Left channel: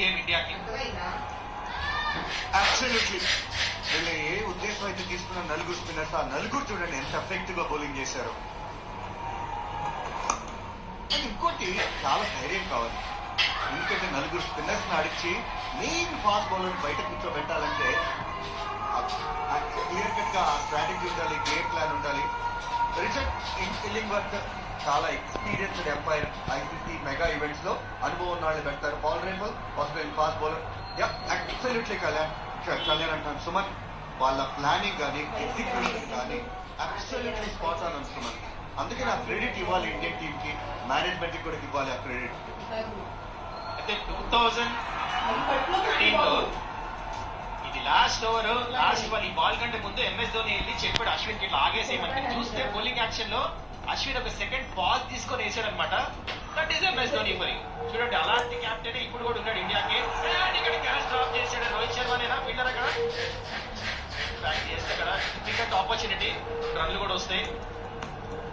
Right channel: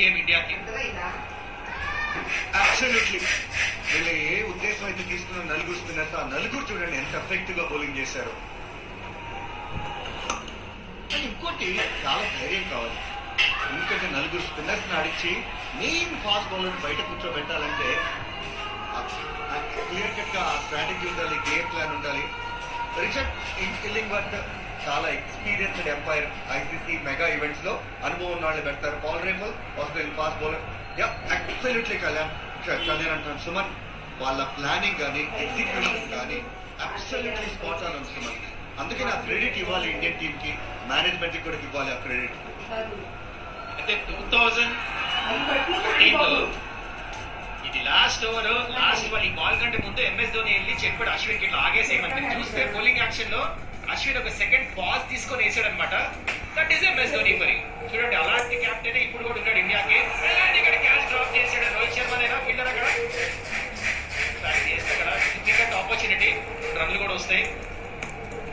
Game ఇండియాకి. Absolutely. వీళ్ళు ఏ ఉద్దేశం అయితే తీసుకున్న నలుగురు స్పిన్నర్స్, ఆ నలుగురు చూడండి ఎంత ఎఫెక్టివ్ గా బౌలింగ్ చేశారు. ఇంకోటి చాలా ధైర్యం కావాలి, ఎందుకంటే నలుగురు స్పిన్నర్స్ ఆడించి మెయిన్ ఫాస్ట్ బౌలర్ బయట కూర్చోబెట్టాలంటే క్లియర్ కట్ గా స్ట్రాటజీ ఉండాలి, గేమ్ ప్లాన్ ఉండాలి. రిచర్డ్ ఇల్లింగ్వర్త్ చాలా experienced umpire, ICC mega events లో అనుభవం ఉన్న వాళ్ళు పెడతారు. పాల్ రేంబల్ Australian fast bowler. Absolutely Kalyan అంటాను. సుమన్ వాళ్ళ ప్లానింగ్ కానీ ఎగ్జిక్యూషన్ కానీ అబ్సల్యూట్లీ స్పాట్ ఆన్ ఉంది సుమన్. అందుకే నా క్రెడిట్ ఇవ్వాలి ఇండియన్ టీమ్ కి, మేనేజ్మెంట్ కి కూడా ఇవ్వాలి ఆ క్రెడిట్. అయితే 2013 లో ఇది లాస్ట్ ఓవర్, లాస్ట్ బాల్. ఈ బాల్ కంటే ముందు ఎంఎస్ ధోని వెళ్ళి చెప్పాడు అశ్విన్ కి ఇట్లా ఆగేసేయమని. చూస్తే బౌలింగ్ యాక్షన్ లో అశ్విన్ ఒక సెకండ్ పాజ్ తీసుకొని వేసాడు అనమాట. దట్ ఈస్ ఎంఎస్ ధోని మరి. చూడండి అలాంటి క్యాప్టెన్ ఇప్పుడు కూడా ఉన్నాడు ఇండియాకి. ఇక్కడ క్యాచ్ డ్రాప్ చేసాడు రోహిత్ శర్మనేనా పిల్లర్ అక్కడ చేస్తే కదా క్రికెట్ ఆపర్చునిటీ, రన్లు కూడా వస్తాయి.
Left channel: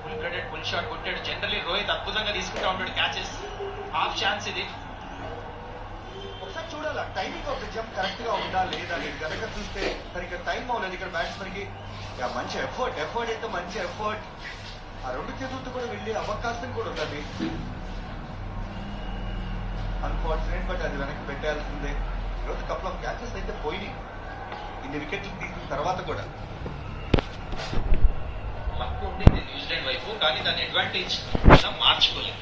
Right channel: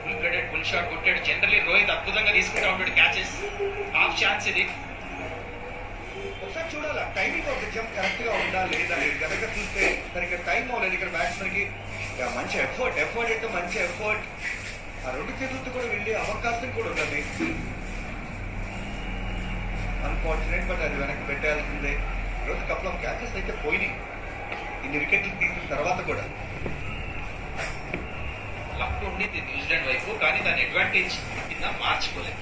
ఫుల్ బ్లడెడ్ ఫుల్ షాట్ కొట్టాడు. జనరల్లీ రోహిత్ అద్భుతంగా తీసుకుంటా ఉంటాడు క్యాచెస్. హాఫ్ ఛాన్స్ ఇది. ఒకసారి చూడాలా timing of the jump correct గా ఉందా లేదా అనేది. కనుక చూస్తే సరిగ్గా టైం అవ్వలేదు ఇక్కడ బ్యాట్స్మెన్ కి. మంచి ఎఫర్ట్ అయితే మంచి ఎఫర్ట్. ఆ రెండు చేతులతో కూడా వెళ్ళే అవకాశం కూడా ఉన్నది. అన్ఫార్చునేట్, బట్ అది వెనక్కి పెట్టాల్సిందే. ఈరోజు కపుల్ ఆఫ్ క్యాచెస్ అయితే పోయినాయి ఇన్ని వికెట్లు తీసిన తర్వాత కూడా. లక్ ఉండింది న్యూజిలాండ్ వైపు, కానీ దాని అడ్వాంటేజ్ మార్చుకోలేదు.